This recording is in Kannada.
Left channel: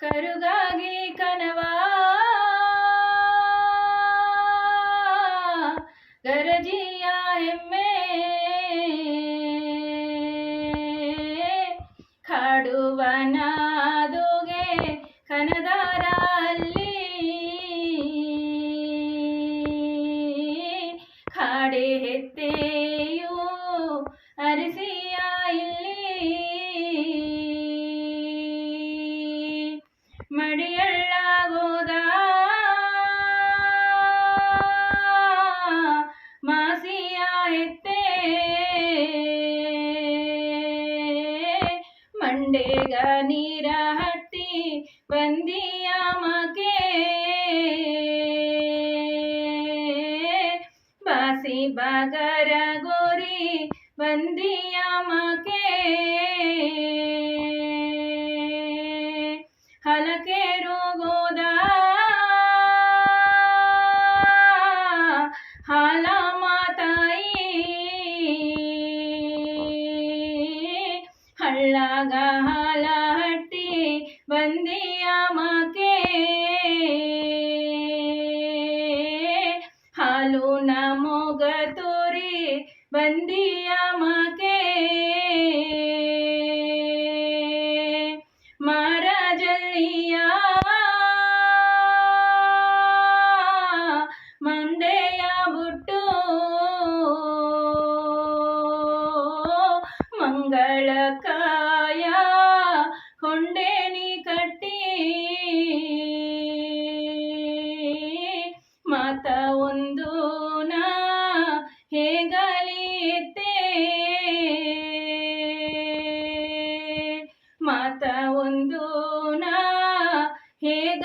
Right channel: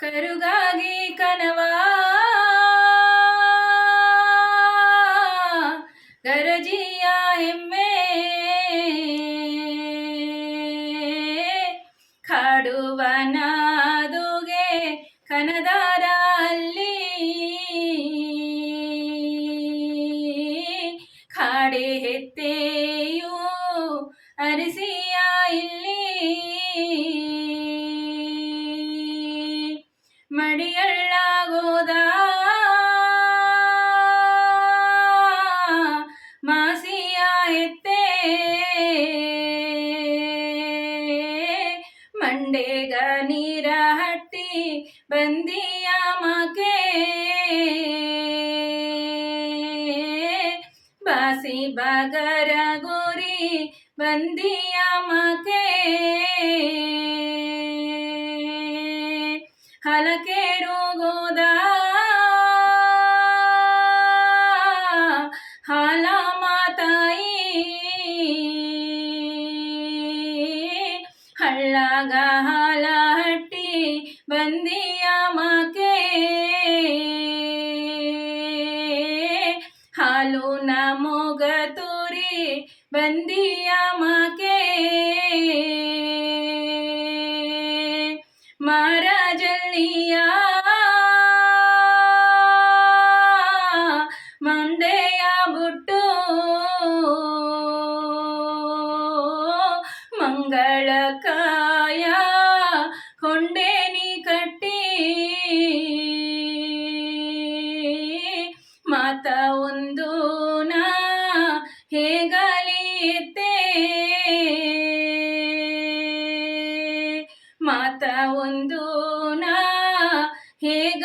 ಕರುಗಾಗಿ ಕನವಾ ಗರಜಿಯ ಎಮ್ಮೆ ಕಾಡುವನಾದುಗೆ ಕನದಾರ ಅಲ್ಲಿ ಕಾಡೆ ಹೆತ್ತೆಯು ಅರಸಿಯ ಇಲ್ಲಿ ಮಡಿಯಳ್ಳಾಗೋದ ಮಾಸಿಯ ಎತ್ತೆ ಮಂಡೆಗ ನೀರ ಹಟ್ಟಿ ಬಂದಿಯ ಮಕೆ ಬಾಸಿ ಬಗರ ಗೋರಿ ಬಂದಿಯ ಮಕೆ ಹಲಕೇರುಗೋದ ಹಾಲ ಮಾತಾಯಿ ಹಳ್ಳಾಗ ಹಾಲ ಹಟ್ಟಿ ಬಂದಿಯ ಮಕೆ ಹಾಲು ನಮೋಗ ತೋರಿ ಬಂದಿಯ ಮಕೆ ಮಹಾರಾಜಲ್ಲಿಯ ಮಂಡೆಯ ಬುಟ್ಟು ಮಂಗಳಕಾಯ ಕೊಂಡೇನಿ ಕಟ್ಟಿ ಮಾತ ಒಂದು ನಾ ಹೇಗಲಿ ಎತ್ತೆ ಮಾತ ಒಂದು ನಾ ಹೇಗ